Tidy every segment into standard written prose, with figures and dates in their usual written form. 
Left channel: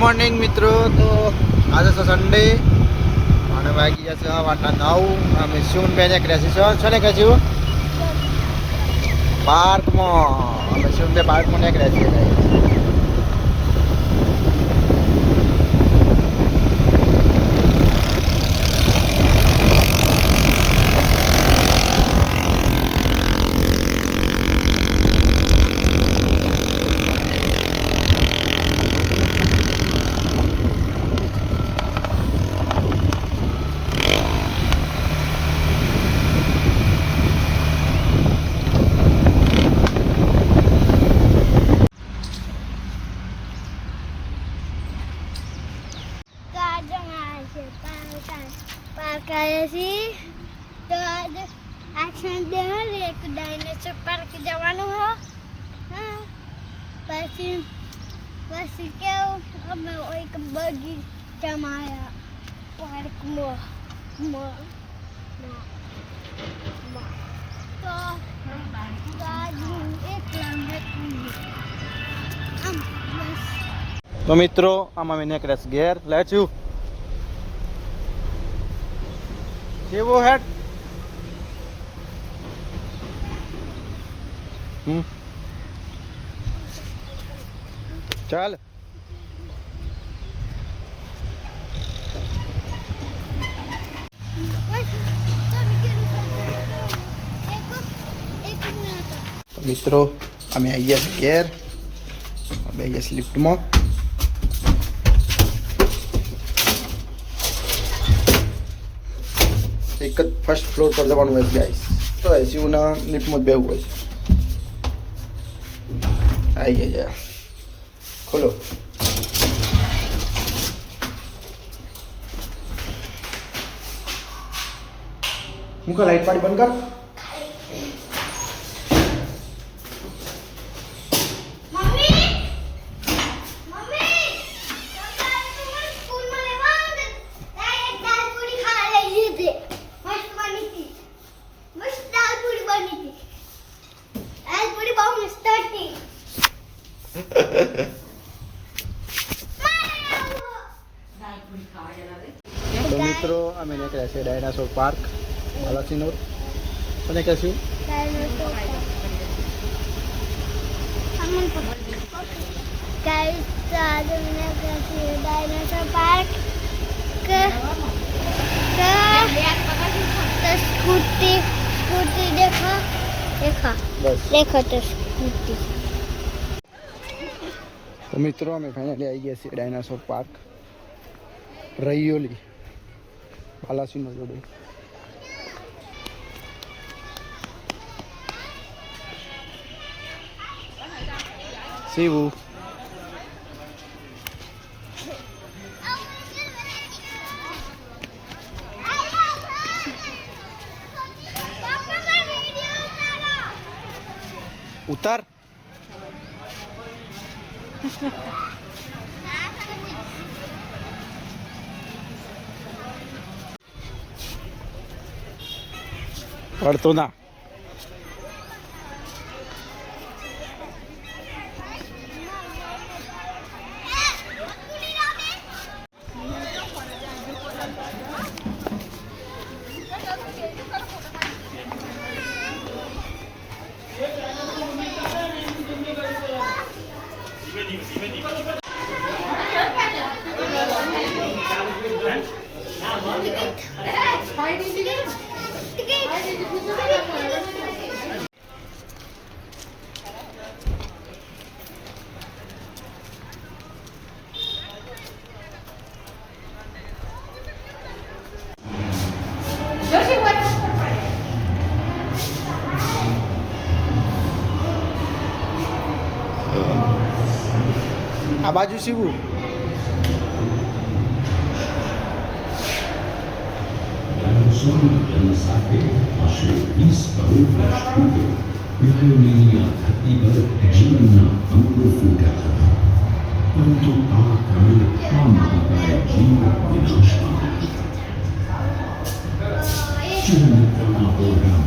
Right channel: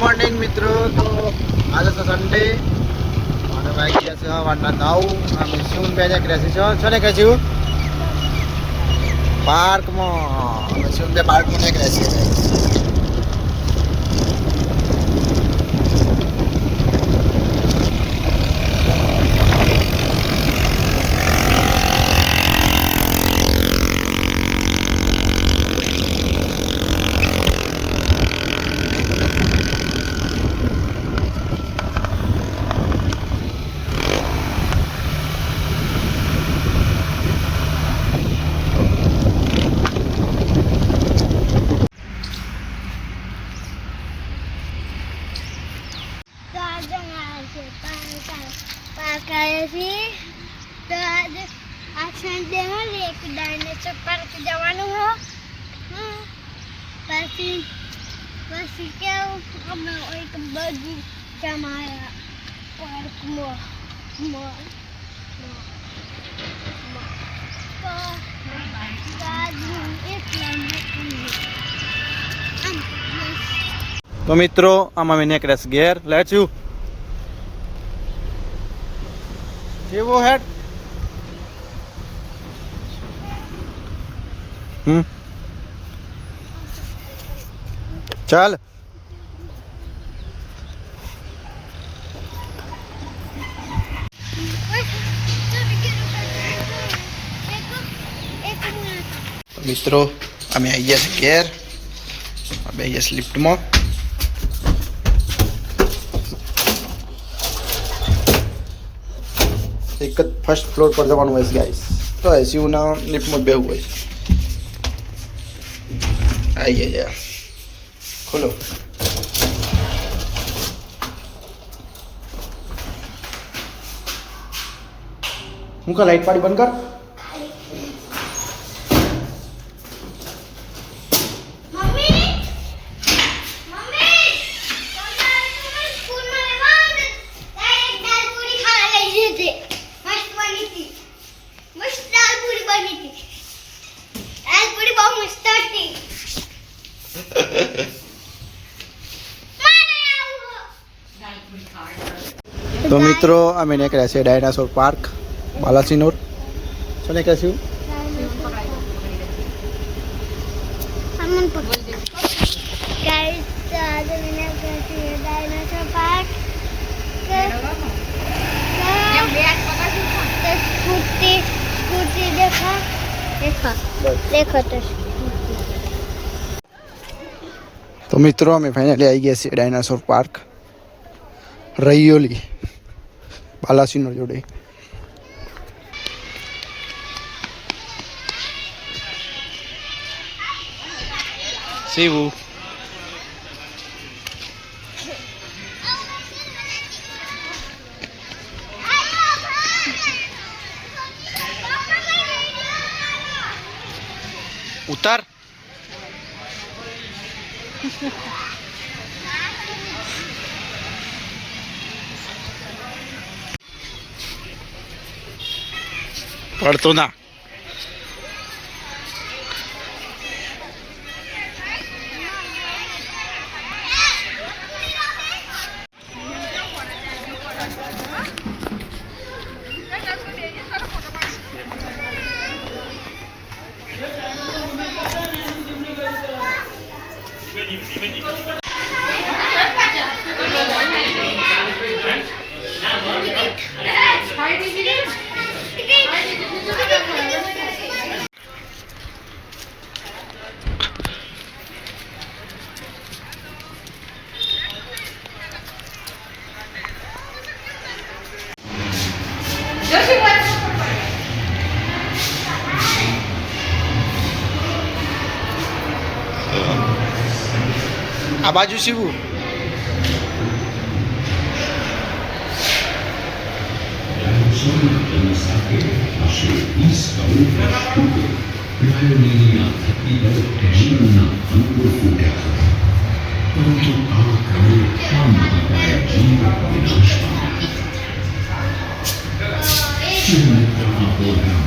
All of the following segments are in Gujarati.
મોર્નિંગ મિત્રો. તો આજે તો સન્ડે અને વાગ્યા છે વાટના 9. અમે શું બે ક્રેસી છો છો ને કહેશું પાર્કમાં. અમે શું બે પાર્કમાં ને ક્રેસી છે. તો આજે આ સન્ડે હોય એક ડાયનેસોર પાર્ક જવાનું હો. પછી કેવું અમે એક બગીચામાં આવ્યા પાર્કમાં તો મિત્રો આમાં મેં નેકરેસ ઘેર લેટ્સ યુ કેવો હેડ ચાલ મિત્રો અમે આવી ગયા છીએ ઘેર. બે ગયા લિફ્ટમાં. એક જ ફર્સ્ટ ફ્લોર પર જવાનું હોય છે ગાઈસ. તો એસીયુના લિફ્ટમાં જ બેહવું હોય છે. આવી ગયા ખોલો. હું કા લાઈટ પાડી બંધ કર. તો મિત્રો અમે નીકળ્યા છે ડાયનાસોર પાર્ક બાલાસિનોર. શું નીકળ્યા છે ડાયનાસોર પાર્ક. સ્કૂટી દેખા તો સ્કૂટી. તો મિત્રો અમે ફાઇનલી આવી ગયા છીએ ડાયનાસોર પાર્ક રૈયોલી બાલાસિનોર જોડે. શિવુ ઉતાર. પડતો ના. આ બાજુ શિવુ.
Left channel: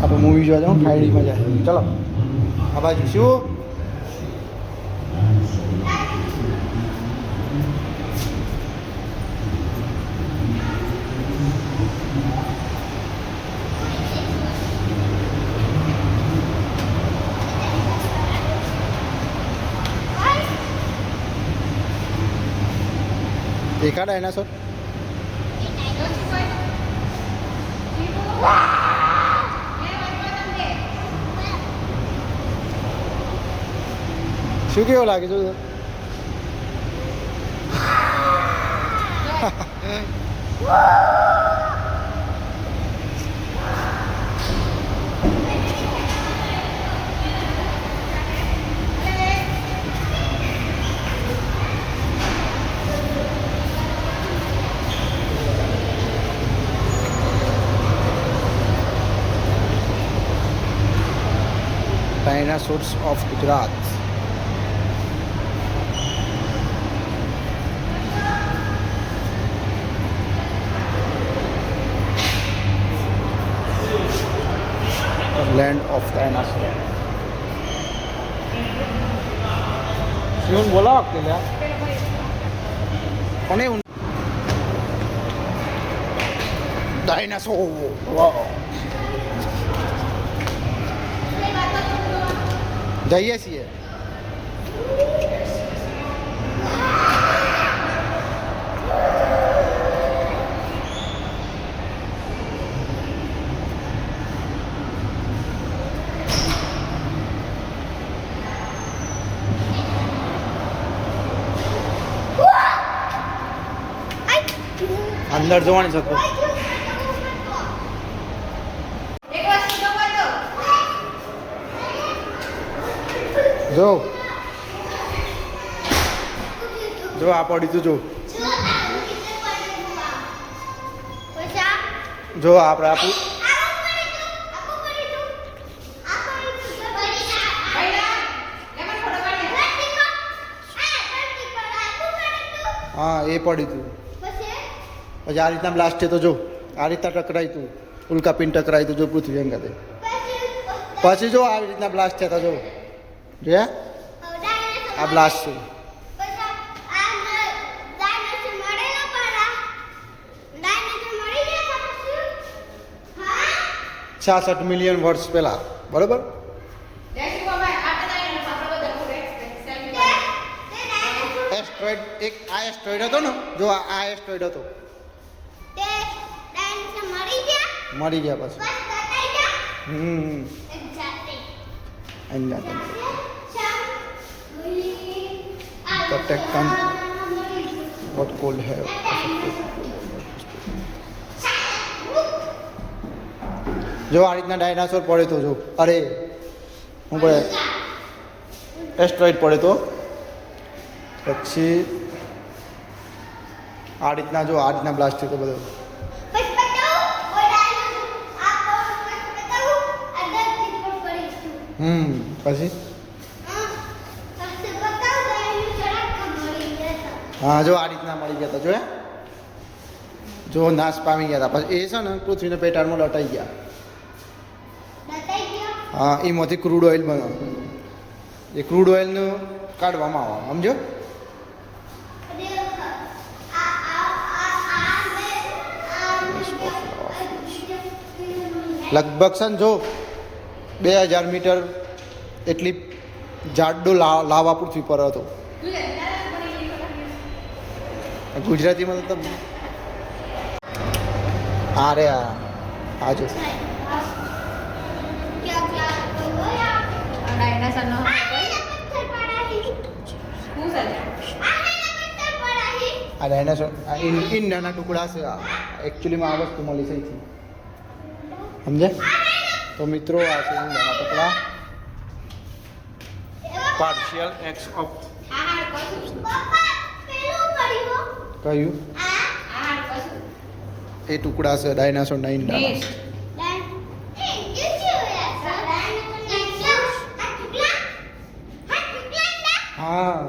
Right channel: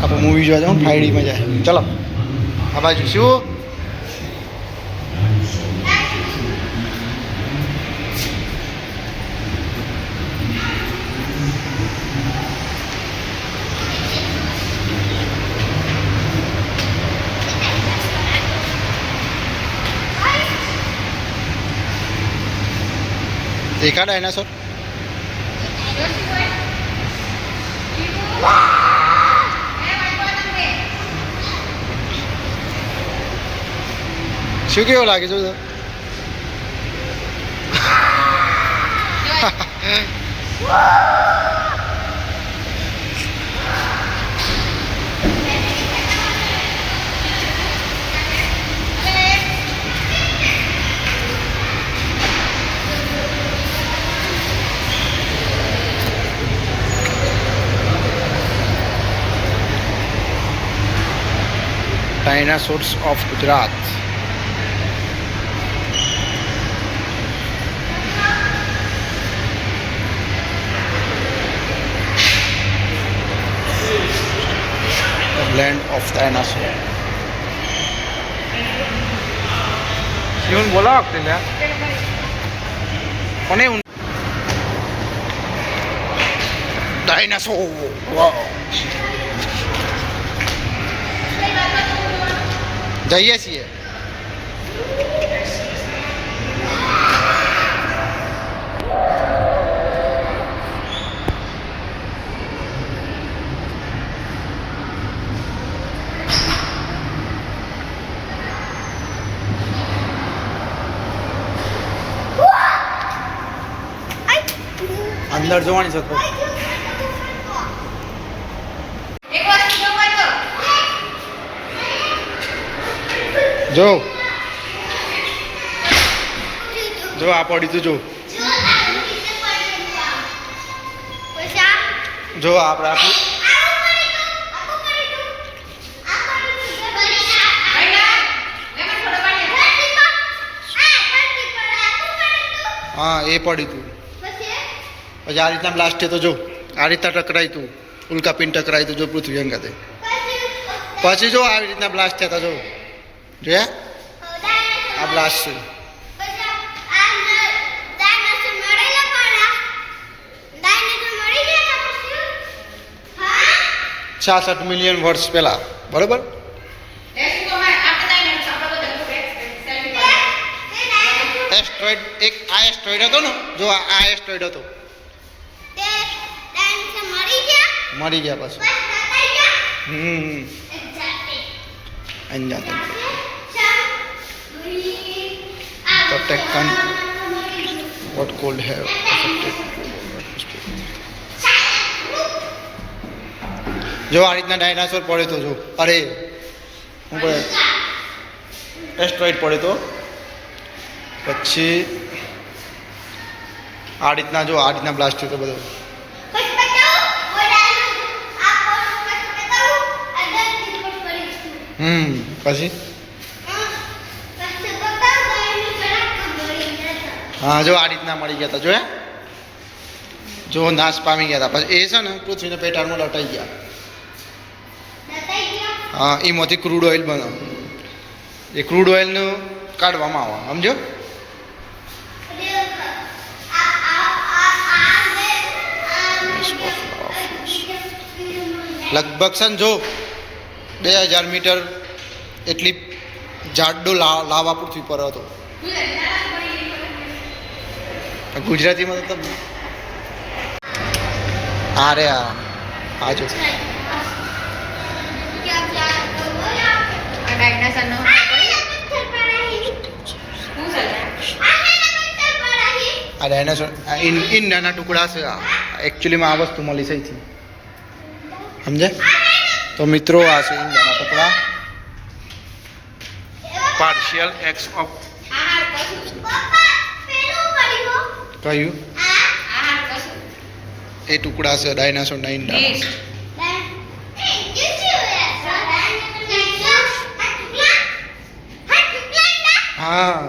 આપણે મૂવી જોવા જાઉં 5D માં જાય. ચલો આ બાજુ શું દેખા ડાયનાસોર શું કેવો લાગે છે dinosaurs of Gujarat land of dinosaur Yun bola आपल्याला कोणी dinosaur wow જઈએ છીએ અંદર જોવાની છે જો જો આ પડી તું જો આપણે આપણું હા એ પડી તું પછી આ રીતના બ્લાસ્ટ થયો તો જો આ રીતના ટકરાઈ તું ઉલ્કાપિંડ ટકરાઈ તું જો પૃથ્વી અંગાતે પછી જો આવી રીતના બ્લાસ્ટ થયા હતા જો જોયા આ બ્લાસ્ટ છે 66 મિલિયન વર્ષ પહેલા બરોબર એસ્ટ્રોઇડ એક આ એસ્ટ્રોઇડ હતો ને જો આ એસ્ટ્રોઇડ હતો મરી ગયા પછી અંજાતે the Deccan what could have affected જો આ રીતના ડાયનાસોર પડે તો જો અરે હું પડે એસ્ટ્રોઇડ પડે તો પછી આ રીતના જો આ રીતના બ્લાસ્ટ થયો તો બધો પછી હા જો આ રીતના મળી ગયા હતા જોયા જો નાશ પામી ગયા હતા પછી એ છે ને પૃથ્વીને પેટાળમાં લટાઈ ગયા હા એમાંથી ક્રૂડ ઓઇલ બને એ ક્રૂડ ઓઇલનું કાઢવામાં આવે સમજો લગભગ છે ને જો 2000 મીટર એટલી જાડો લાવા પૃથ્વી પર હતો ગુજરાતીમાં તો તમને અરે આ જો આ ડાયનાસોર ઈંડાના ટુકડા છે એકચ્યુઅલીમાં આ વસ્તુ મળી છે સમજે તો મિત્રો આ છે ઈંડાના ટુકડા પાર્શિયલ એક્સ ઓફ કયું એ ટુકડા છે ડાયનાસોરના ઈંડાના હા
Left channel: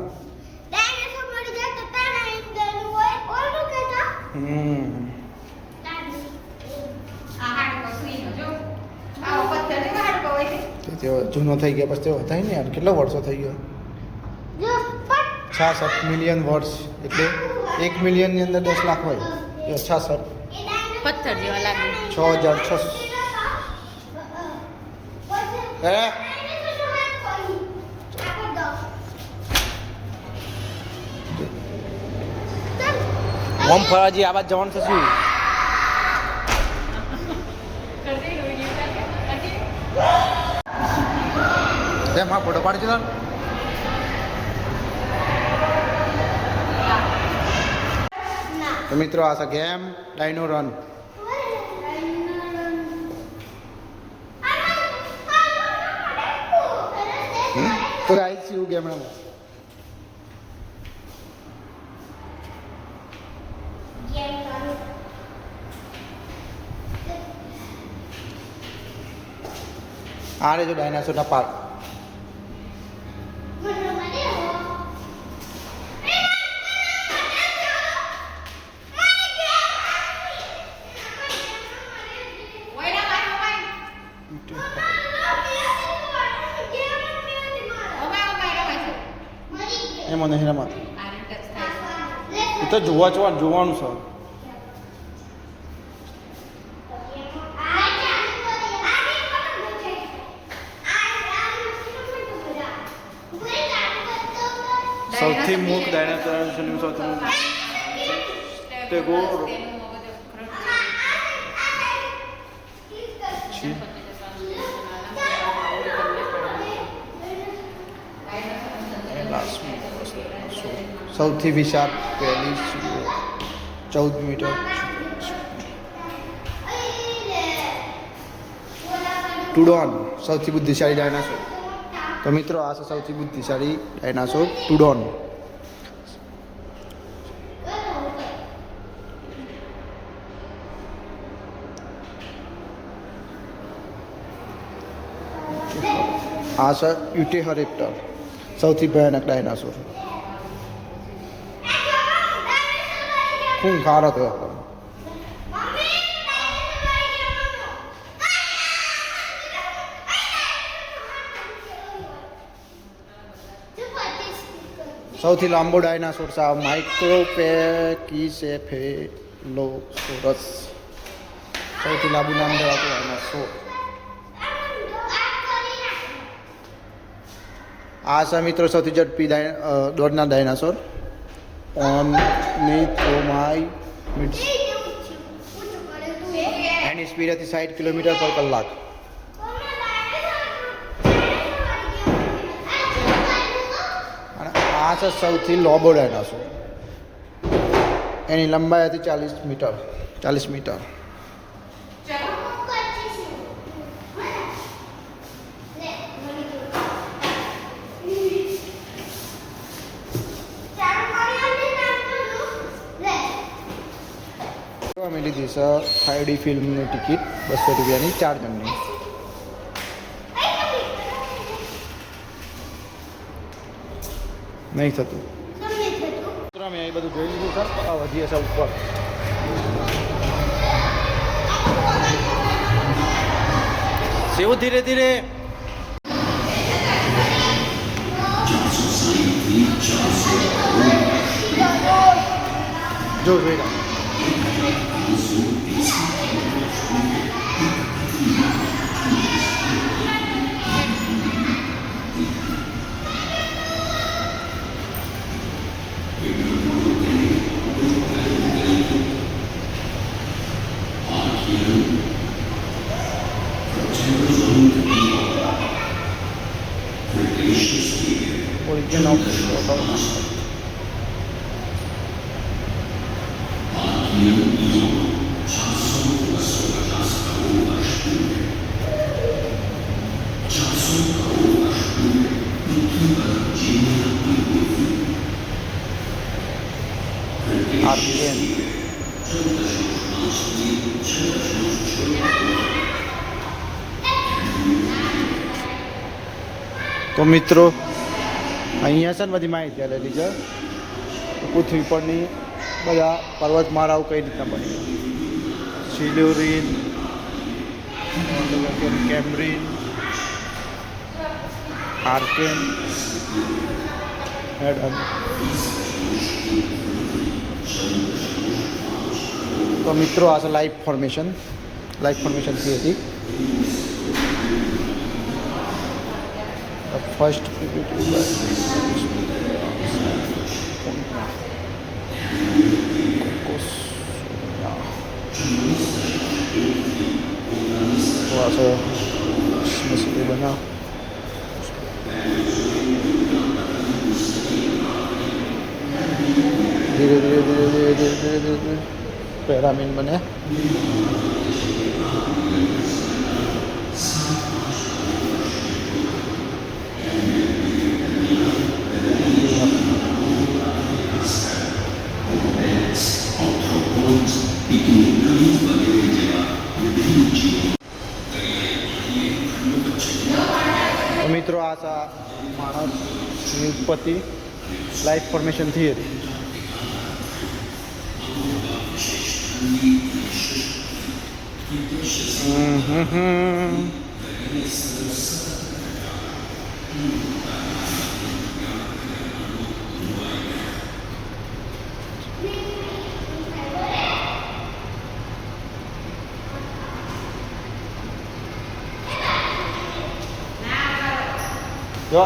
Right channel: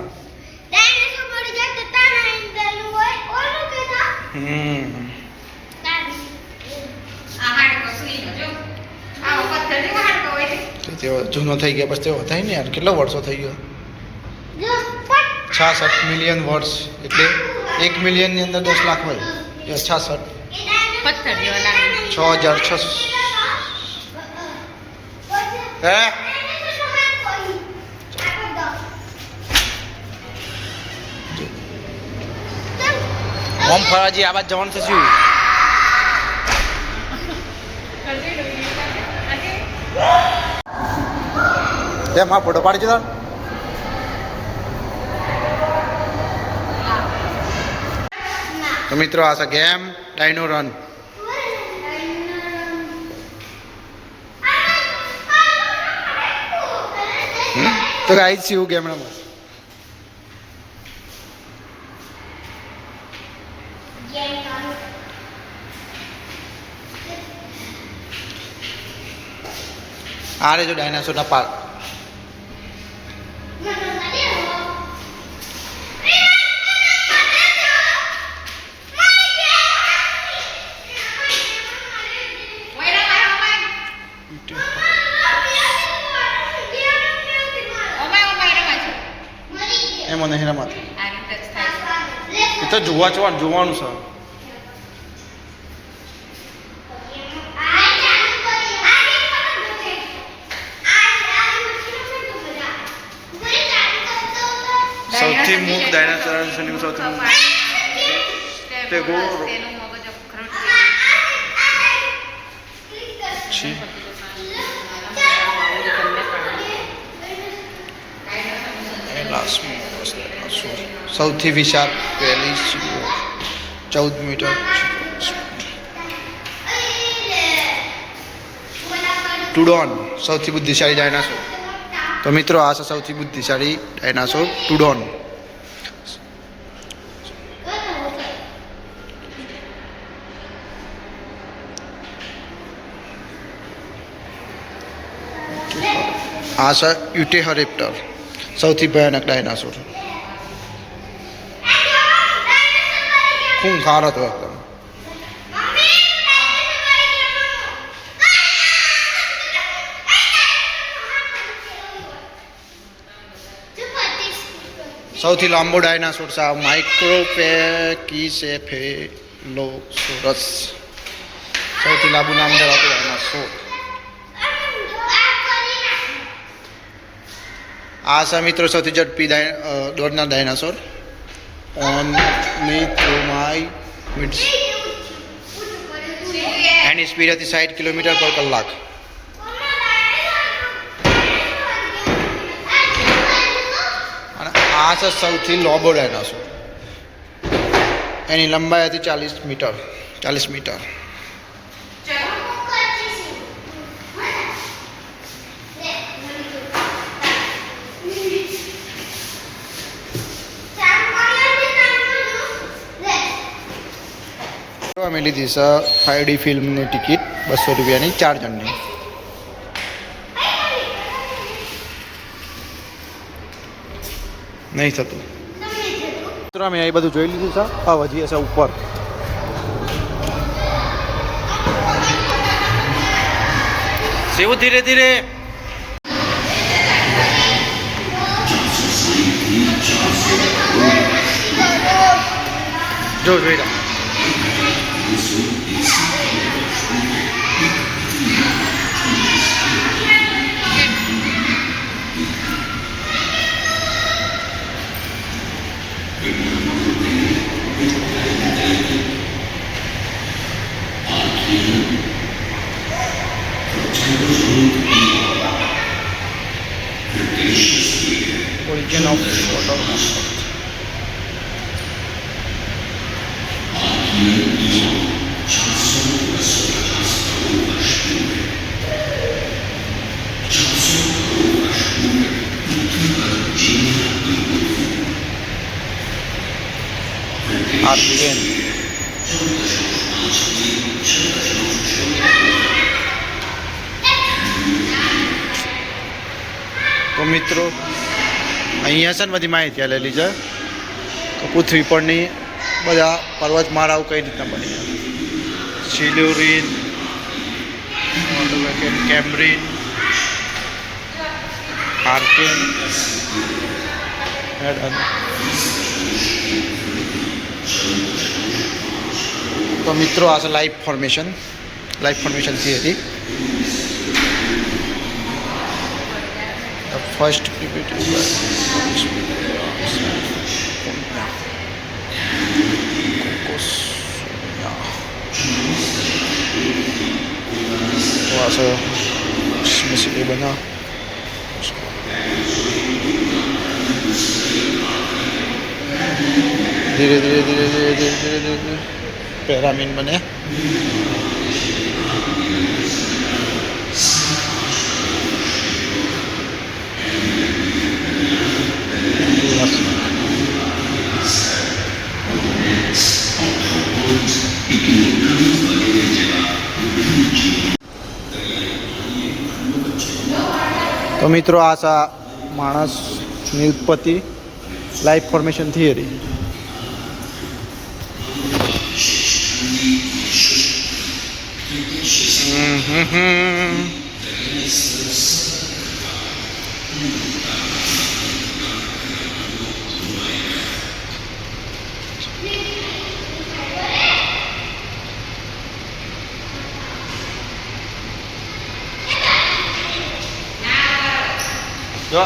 તેઓ જૂનો થઈ ગયા પછી તેઓ થાય ને યાર કેટલા વર્ષો થઈ ગયો 66 મિલિયન વર્ષ એટલે 1 મિલિયનની અંદર 10 લાખ હોય 66 6600 હે ઓમ ફરાજી આ બાદ જવાનું છે શું તેમ આ ફોટો પાડી છે તો મિત્રો આ છે ગેમ ડાયનો રન તો ગાઈસ શું ગેમ રમવા આ રે જો ડાયનાસોરના પાર્ક એમાં નહીં રમાતું એ તો જોવાનું છે સૌથી મૂક ડાયનાસોરની સૌથી મૂક ટેગોર છી સૌથી વિશાળ પહેલી 14 મીટર ટુડોન સૌથી બુદ્ધિશાળી ડાયનાસોર તો મિત્રો આ છે સૌથી બુદ્ધિશાળી ડાયનાસોર ટુડોન આ છે યુટેહરેપ્ટર સૌથી ભયાનક ડાયનાસોર ખૂંખાર હતો એકદમ સૌથી લાંબો ડાયનાસોર છે માઇક્રોપેકીસેફેલોસોરસ સૌથી લાંબુ નામ ધરાવતો ડાયનાસોર આ છે મિત્રો સૌથી ઝડપી દોડનાર ડાયનાસોર ઓર્નિથોમાઇમિડ્સ એની સ્પીડ હતી 60 કિલોમીટર પર કલાક અને આ છે સૌથી લાંબો ડાયનાસોર એની લંબાઈ હતી 40 મીટર અમે લીધી છે 5D ફિલ્મની ટિકિટ 200 રૂપિયાની 4 જણની નહીં થતું મિત્રો અમે અહીં બધું જોઈ લીધું છે આ વધીએ છે ઉપર સેવું ધીરે ધીરે જો જોઈ રહ્યા origin of water on earth. Argen. તો મિત્રો અહીંયા છે ને બધી માહિતી આલેલી છે તો પૃથ્વી પરની બધા પર્વતમાળાઓ કઈ રીતના બની છે સિલ્યુરિન કેમ્બ્રિન આર્કેન તો મિત્રો આ છે life formation theory first PPT Cocos પાછો એ બનાવ ધીરે ધીરે ધીરે ધીરે ધીરે ધીરે ધીરે ધીરે પેરામીન બને તો મિત્રો આ માણસની ઉત્પત્તિ લાઈફ ફોર્મેશન થિયરી જો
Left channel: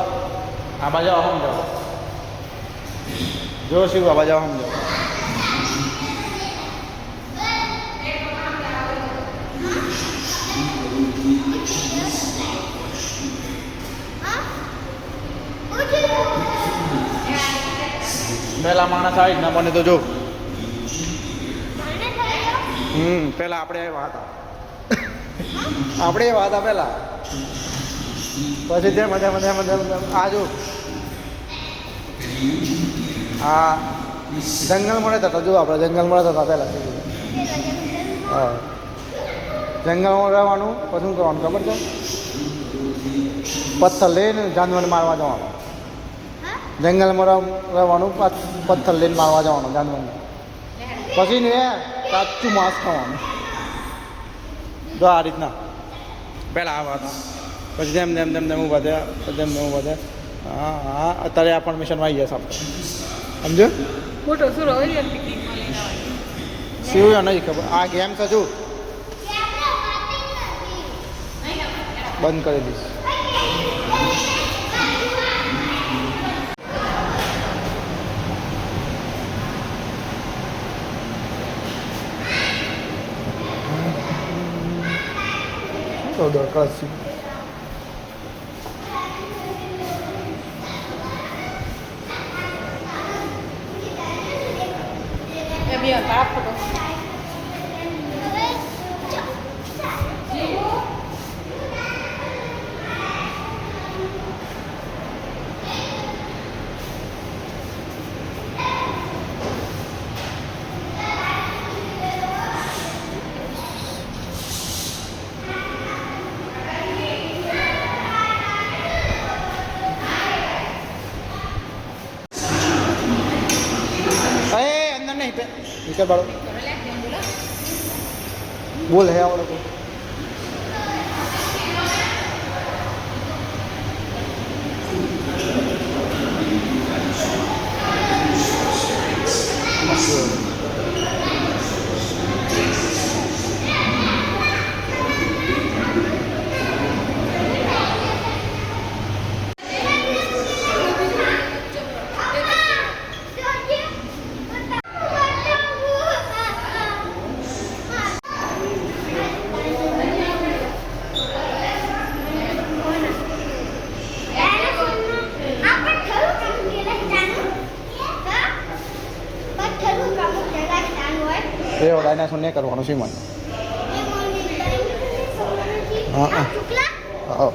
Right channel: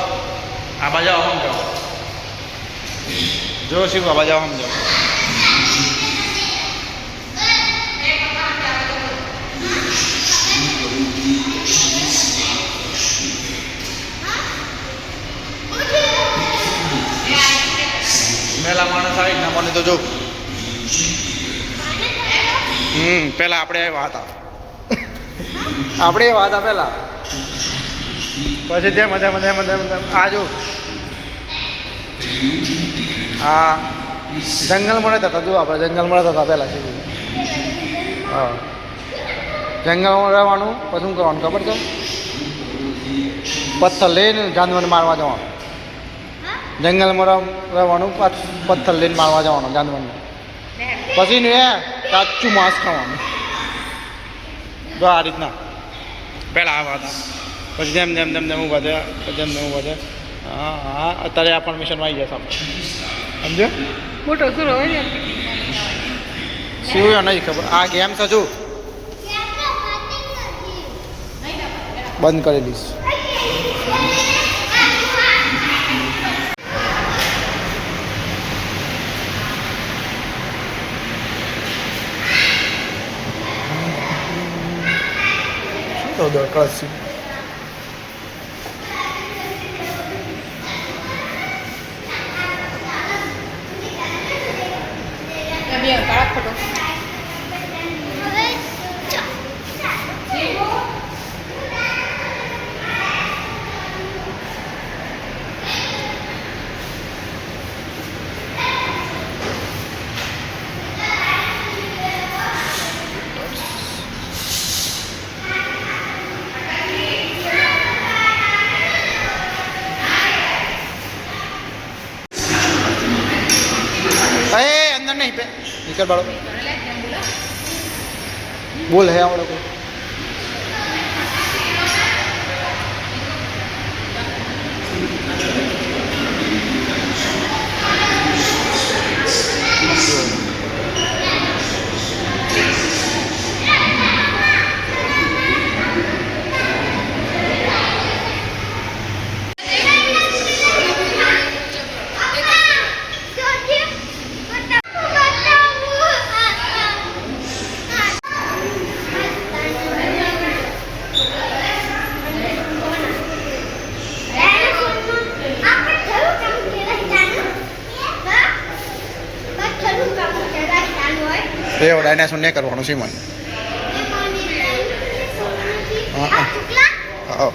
આ બાજુ સમજો જો શિવ આ બાજુ સમજો પેલા માણસ આવી ના બને તો જો પેલા આપણે આવ્યા હતા આપણે એવા હતા પેલા પછી તેમ આ જો આ જંગલમાં રહેતા હતા જો આપણે જંગલમાં રહેતા હતા પહેલાં હા જંગલમાં રહેવાનું પછી શું કરવાનું ખબર છે પથ્થર લઈને જાનવરને મારવા જવાનું જંગલમાં રહેવાનું પથ્થર લઈને મારવા જવાનું જાનવરને પછી ને કાચું માંસ ખાવાનું જો આ રીતના પહેલાં આવ્યા હતા પછી તેમ ઊભા થયા પછી ઊભા થયા હા હા અત્યારે આ પણ મિશનમાં આવી ગયા આપણે સમજો મોટો સુરો હોય ને શું નહીં ખબર આ ગેમ તો જો બંધ કરી દઈશ શું તો દરકાર છે अंदर नहीं पे निकल बाड़ो बोल है आवड़ो को એવો ડાયનાસોર ને કરવાનો છે મને હા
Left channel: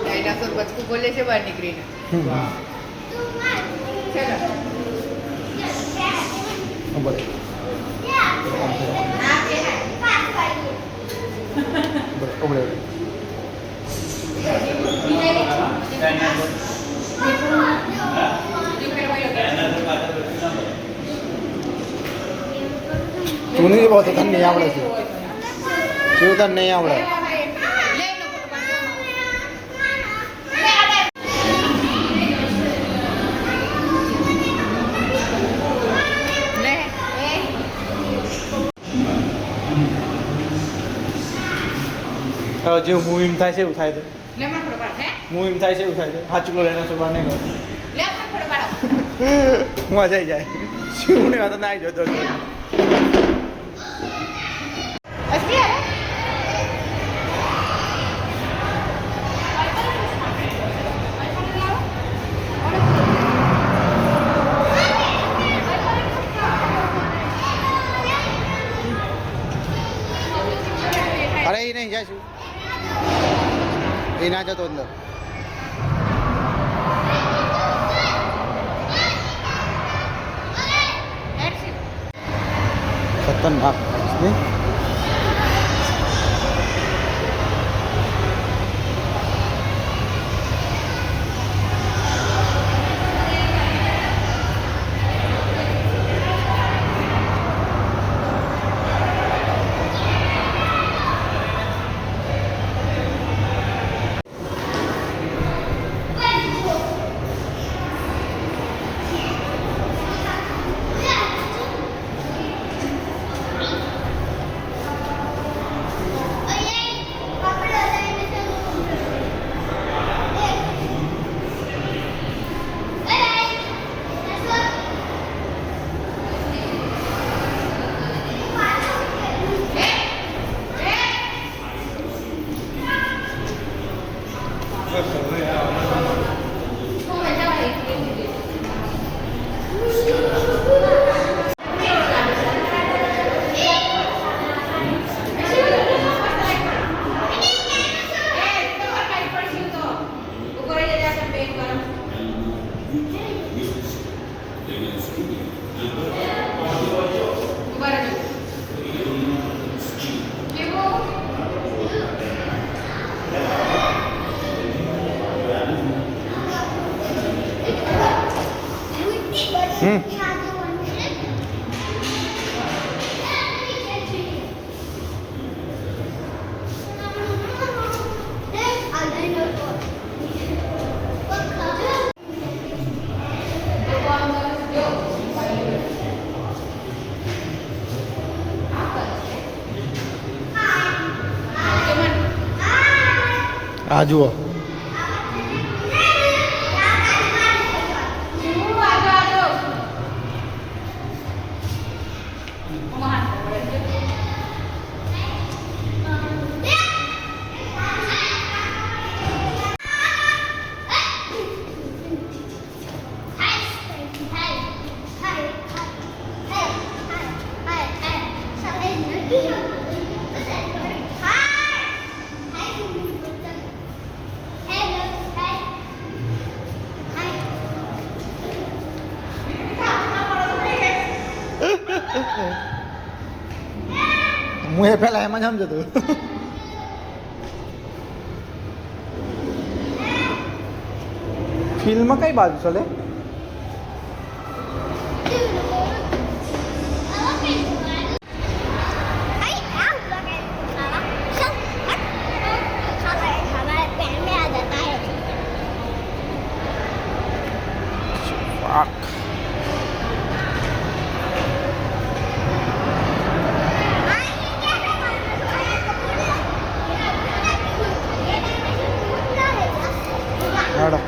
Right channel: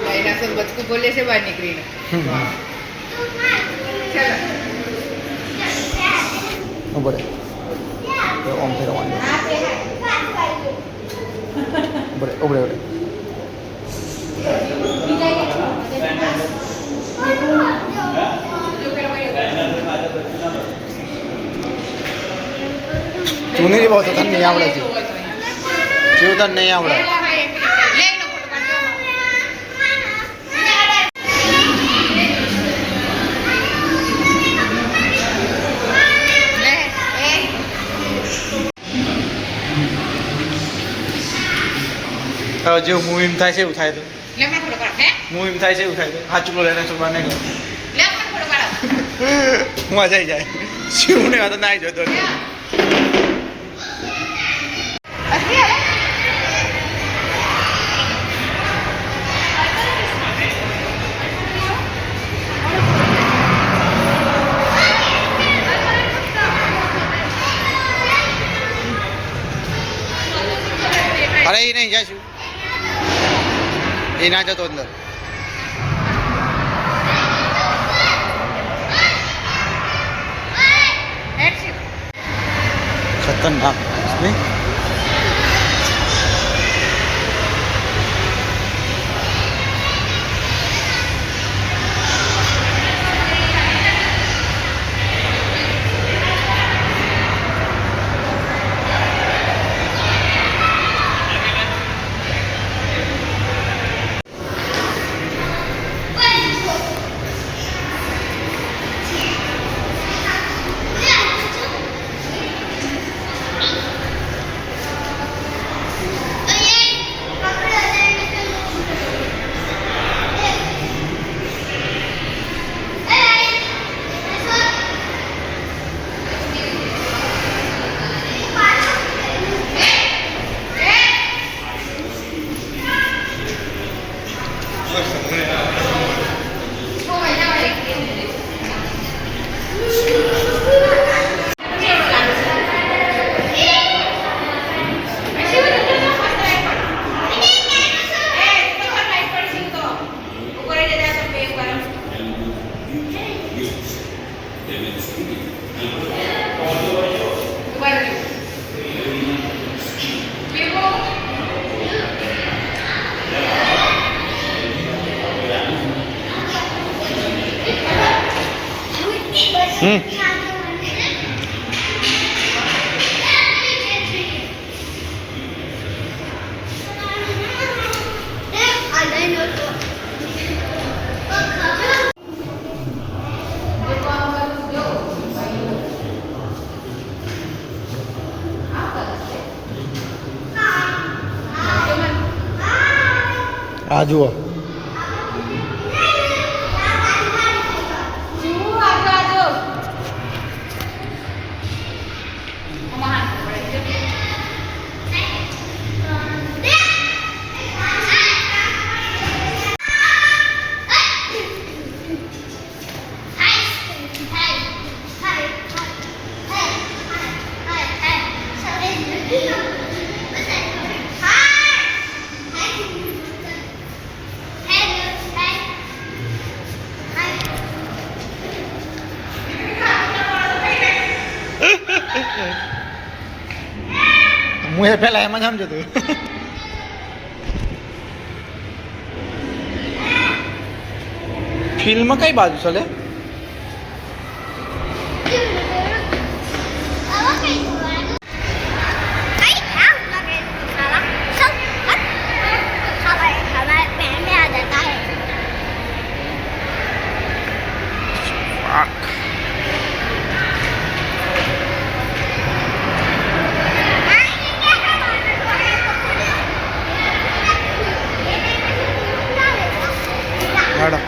ડાયનાસોર બચકું બોલે છે બહાર નીકળીને બોલે ઓમ ફેરવાનું બોલે ઓબળે ઓબળે તું નહીં બહુ તો તને નહીં આવડે છે શું તને નહીં આવડે જેવું મૂવીમ થાય છે એવું થાય તો લે મને થોડો પાડો હે મૂવીમ થાય છે એવું થાય તો સાચું બોલે એના છોકરા નહીં કહો લે મને થોડો પાડો મજા આવી જાય શિવ ને વાત ના જોતો અસલી આવે અરે એ નહીં જાય શિવ એ ના જતો અંદર ખતરનાક નહીં આ જુઓ હું એ પેલા એમાં સમજતો ફિલ્મ કઈ બાજુ ચાલે હેડો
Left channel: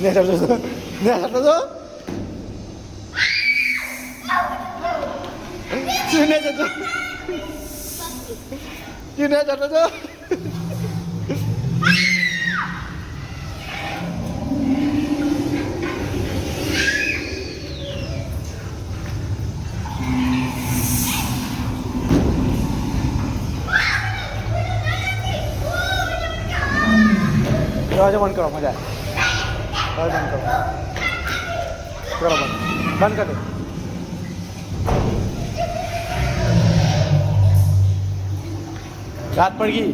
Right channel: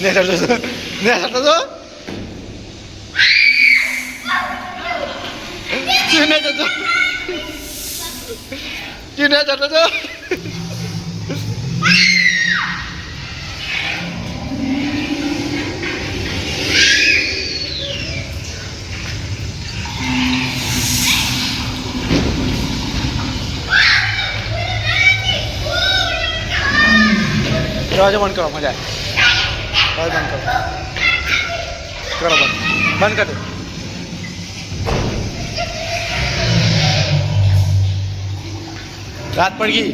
Ne yapıyorsun? Ne yapıyorsun? Ne yapıyorsun? Ne yapıyorsun? दरवाजा बंद करो मजा आए बंद करो बंद कर दो रात पड़ गई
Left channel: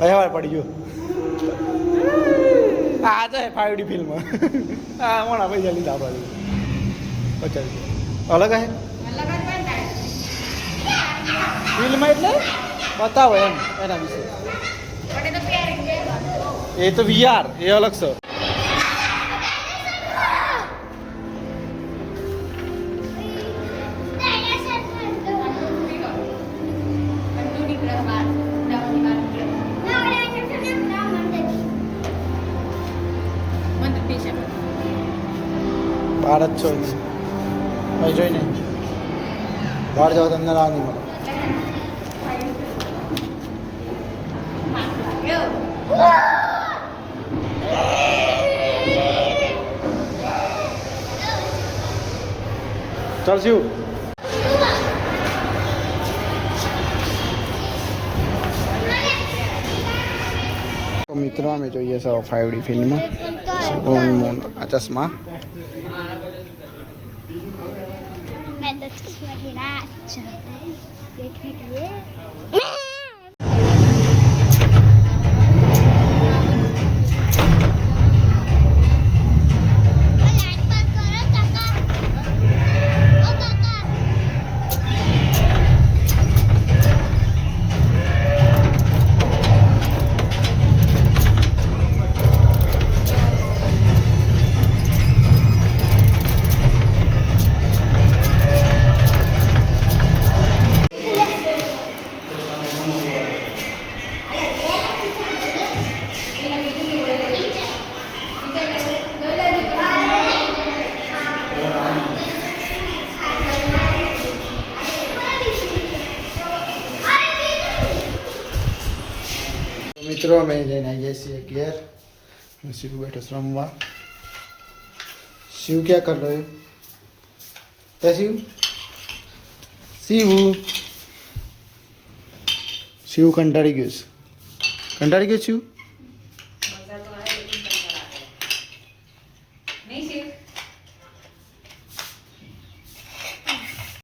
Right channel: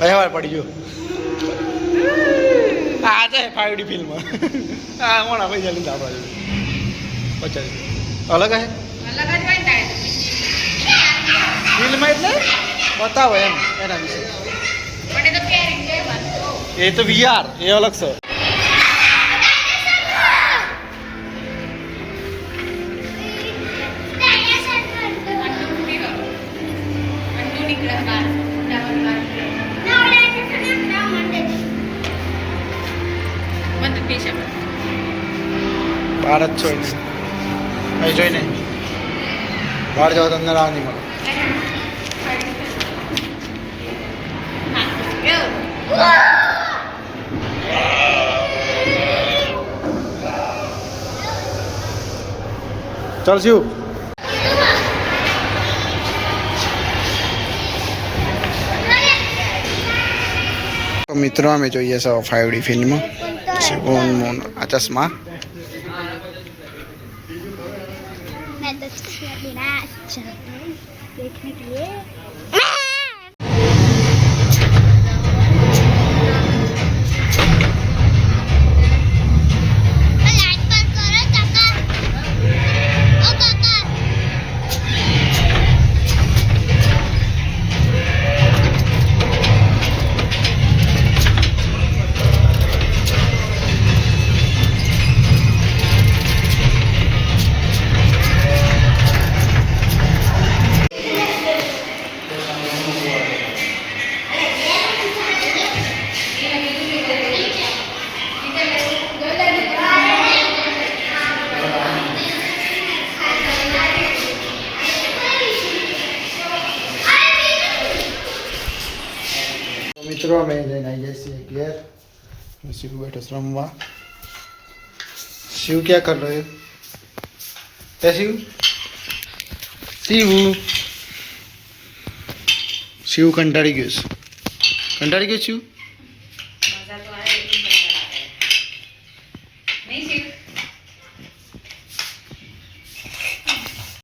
अरे पड़ी गयो आज है 5D फिल्म हाँ मोड़ा भाई जल्दी आप 50 અલગ હે અલગ જ હોય ને તારે ફિલ્મ એટલે બતાવો એમ એના વિશે પણ એ તો પહેરી જ લેવાનું તો. એ તો VR એ અલગ છે ડાયનાસોર કરતો. અંડું કરો. અંડું નીકળે બહાર. જવાની વાર નીકળે. ના, ડાયનાસોર ના મંડે છે. બંધ થઈ શકે. બહાર જ છો એને અહીં જોઈને બહાર જાઓ તો અંદર આ નહીં મળે ચાલ શિવ તો મિત્રો અમે જોઈએ છે 5D ફિલ્મ શિવન મોન આ ચશ્મા मैं तो बिना देखने के लिए लाइट बंद करो काका ओ काका મિત્રો અમે જઈને આવી જઈએ છીએ ઘેર શિવ બેઠો છે રમવા શિવ ક્યાં કર રહ્યો હે શિવ શિવ શિવ કંટાળી ગયો છે કંટાળી ગયો શિવ